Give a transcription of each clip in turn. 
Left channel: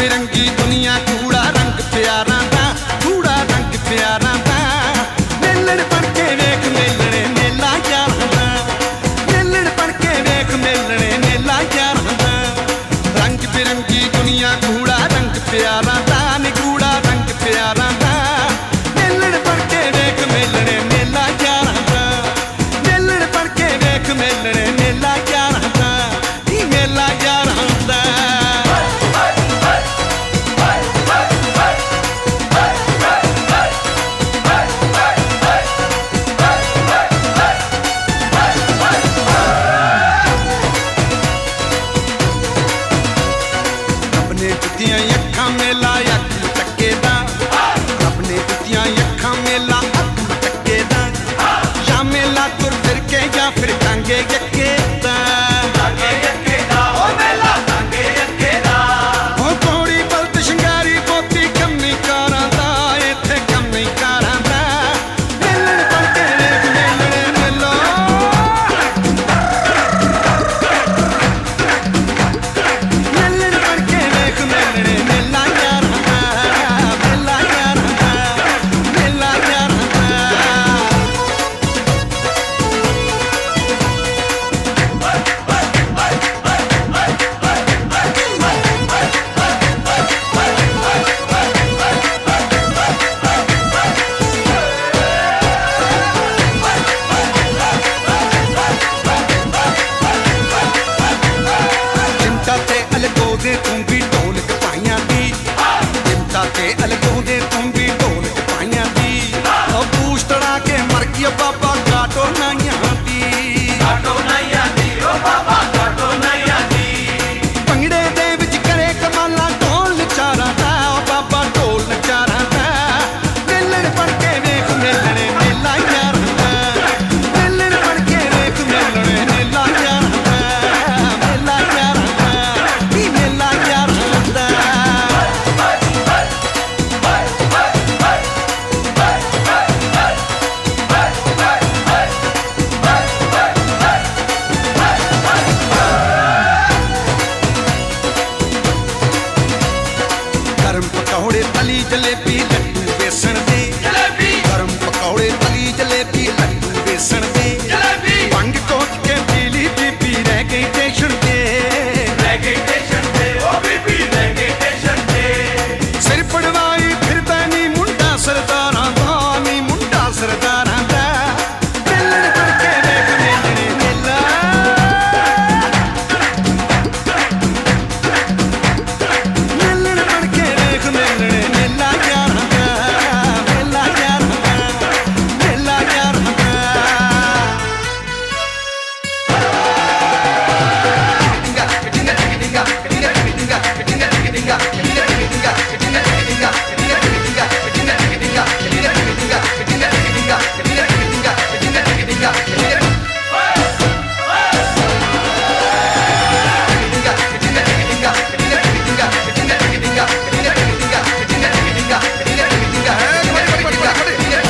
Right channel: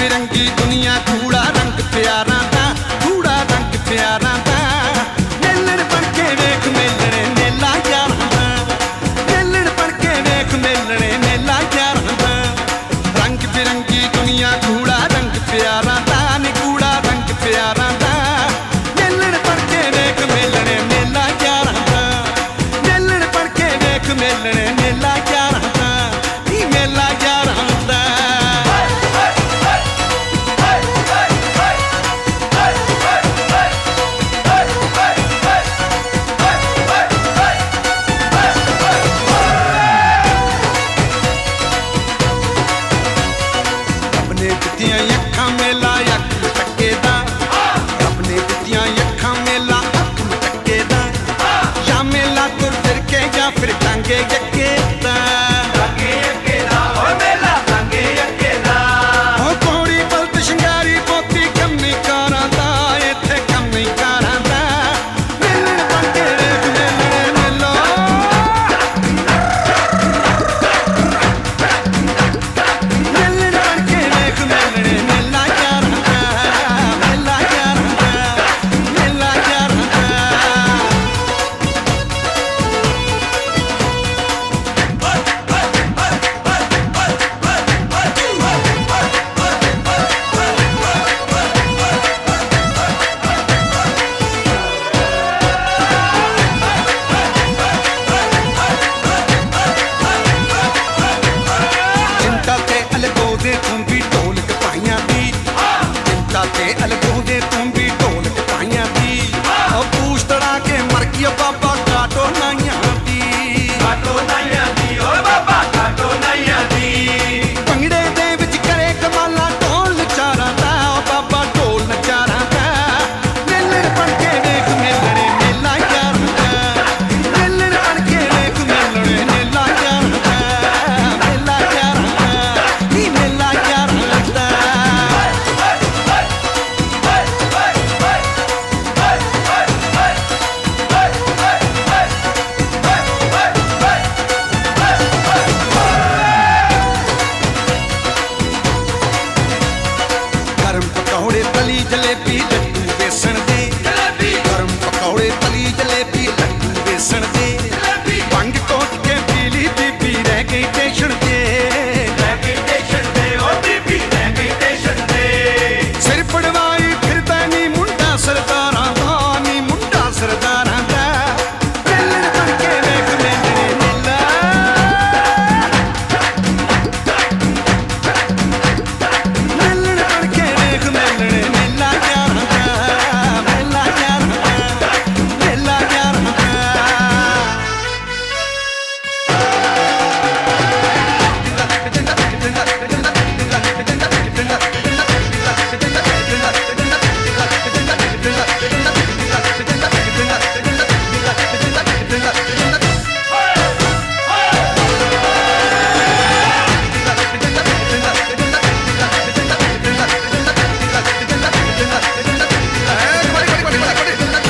बिरंगी दुनिया कूड़ा रंग प्यारा दा, कूड़ा रंग प्यारा दा। मेलण बन के वेख मेलणे मेला यारां दा, मेलण बन के वेख मेलणे मेला यारां दा। रंग बिरंगी दुनिया कूड़ा रंग प्यारा दा, नी कूड़ा रंग प्यारा दा। मेलण बन के वेख मेलणे मेला यारां दा, मेलण बन के वेख मेलणे मेला यारां दा, नी मेला यारां दा। दित्तियां अखां मेला अख मटके दा, रब ने दित्तियां अखां मेला अख मटके दा। या मेला तुर फिर के या फिर टांगे यक्के दा, ओ घोड़ी बलद शिंगारी पोती कम्मी कारां दा, इत्थे कम्मी कारां दा। मेलण बन के वेख मेलणे मेला, मेलण बन के वेख मेलणे मेला यारां दा, मेला यारां दा, मेला यारां दा। चिमटा ते अलगोदे तूं भी ढोलक पाइयां दी, चिमटा ते अलगोदे तूं भी ढोलक पाइयां दी। ओ पूछ तड़ा के मर गया बाबा काटो नाइयां दी, भंगड़े दे विच करे कमाला ढोल नचारा दा, ओ बाबा ढोल नचारा दा। मेलण बन के वेख मेलणे मेला यारां दा, मेलण बन के वेख मेलणे मेला यारां दा, मेला यारां दा, नी मेला यारां दा। गरम पकौड़े तली जलेबी लड्डू बेसन दे, गरम पकौड़े तली जलेबी लड्डू बेसन दे। भंग कोट के पीली बीबी रह गई टेशन दे, सिर पड़वाई फिरदा नी मुंडा सरदारां दा, नी मुंडा सरदारां दा। मेलण बन के वेख मेलणे मेला, मेलण बन के वेख मेलणे मेला यारां दा, मेला यारां दा, मेला यारां दा।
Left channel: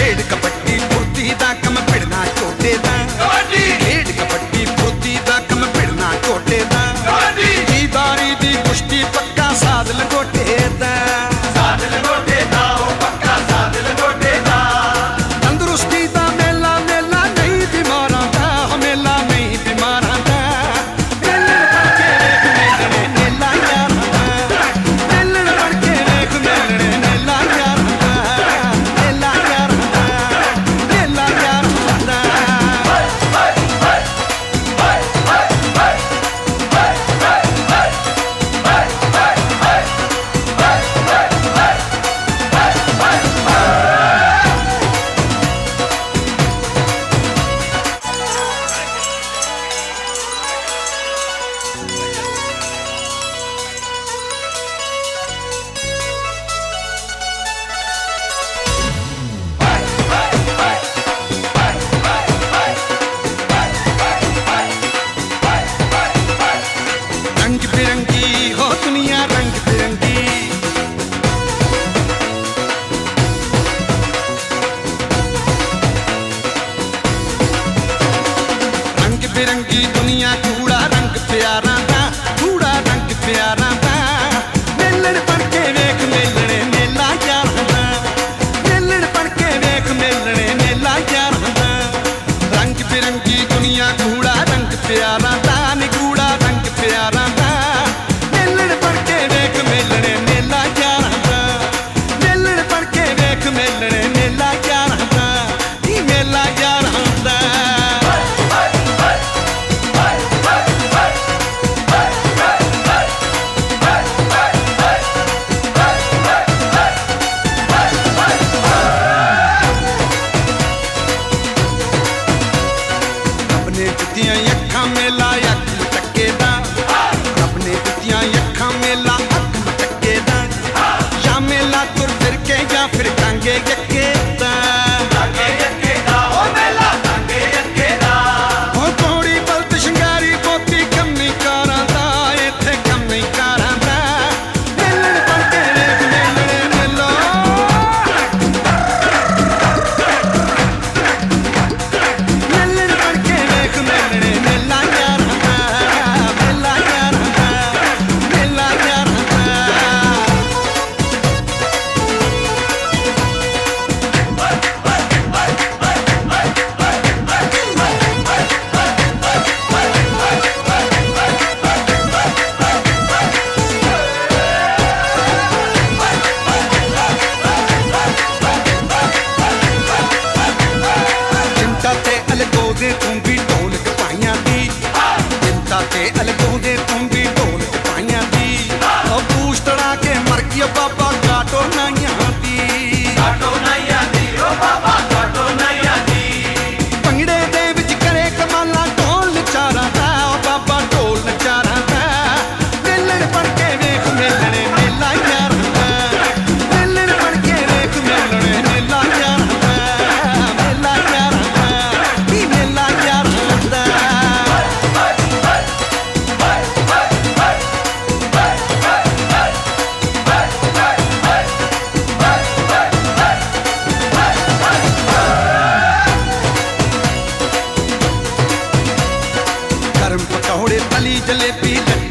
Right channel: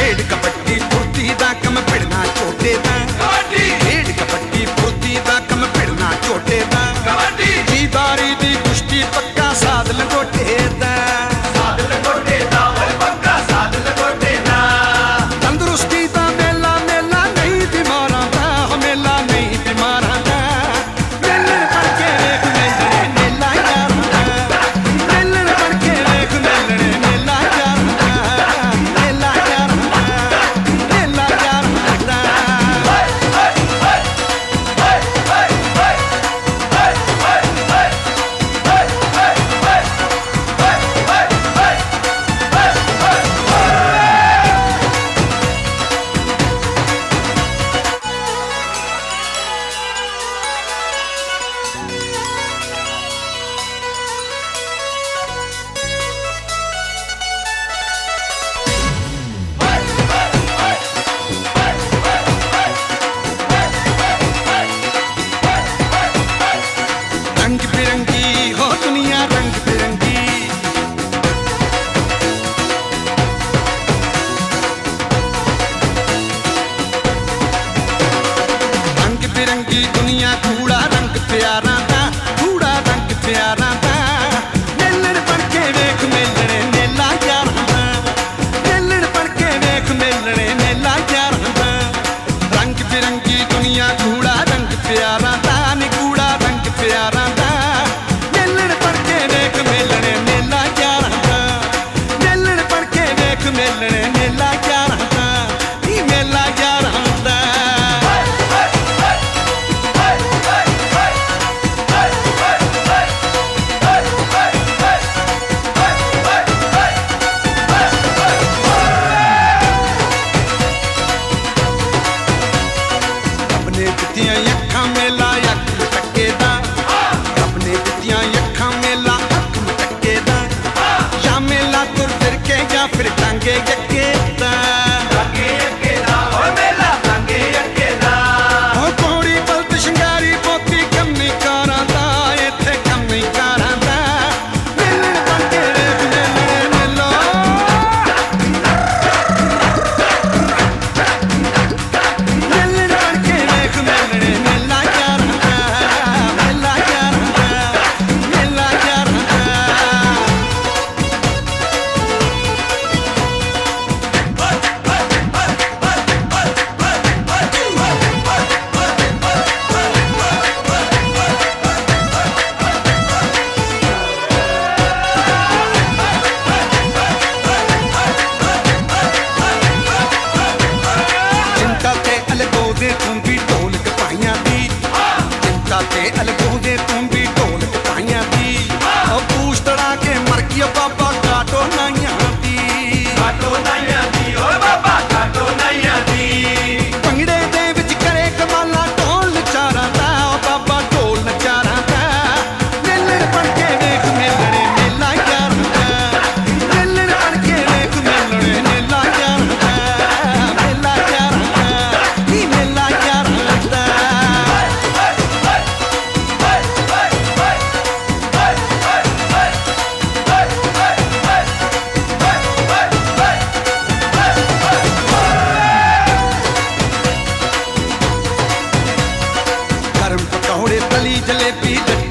खेड कबड्डी फुर्ती दा कम भिड़ना चोटे दा, खेड कबड्डी फुर्ती दा कम भिड़ना चोटे दा। जीदारी दी कुश्ती पक्का साध लंगोटे दा, तंदुरुस्ती दा मेला मेला नहीं बीमारां दा, मेला नहीं बीमारां दा। मेलण बन के वेख मेलणे मेला यारां दा, मेलण बन के वेख मेलणे मेला यारां दा, मेला यारां दा, मेला यारां दा। रंग बिरंगी हो दुनिया रंग बिरंगी, रंग बिरंगी दुनिया कूड़ा रंग प्यारा दा, कूड़ा रंग प्यारा दा। मेलण बन प्यारा दा नी कूड़ा रंग प्यारा दा मेलण बन के वेख मेलणे मेला यारां दा मेलण बन के वेख मेलणे मेला यारां दा नी मेला यारां दा दित्तियां अखां मेला अख मटके दा रब ने दित्तियां अखां मेला अख मटके दा या मेला तुर फिर के या फिर टांगे यक्के दा हो घोड़ी बलद शंगारी पोती कम्मी कारां दा इत्थे कम्मी कारां दा मेलण बन के वेख मेलणे मेलो मेलण बन के वेख मेलणे मेला यारां दा मेला यारां दा मेला यारां दा चिंता ते अलगो दे तूं भी ढोलक पाइयां दी चिंता ते अलगो दे तूं भी ढोलक पाइयां दी ओ पूछ तड़ा के मर गया बाबा काटो नाइयां दी भंगड़े दे विच करे कमाला ढोल नचारा दा ओ बाबा ढोल नचारा दा मेलण बन के वेख मेलणे मेला यारां दा मेलण बन के वेख मेलणे मेला यारां दा मेला यारां दा नी मेला यारां दा गरम पकौड़े तली जलेबी लड्डू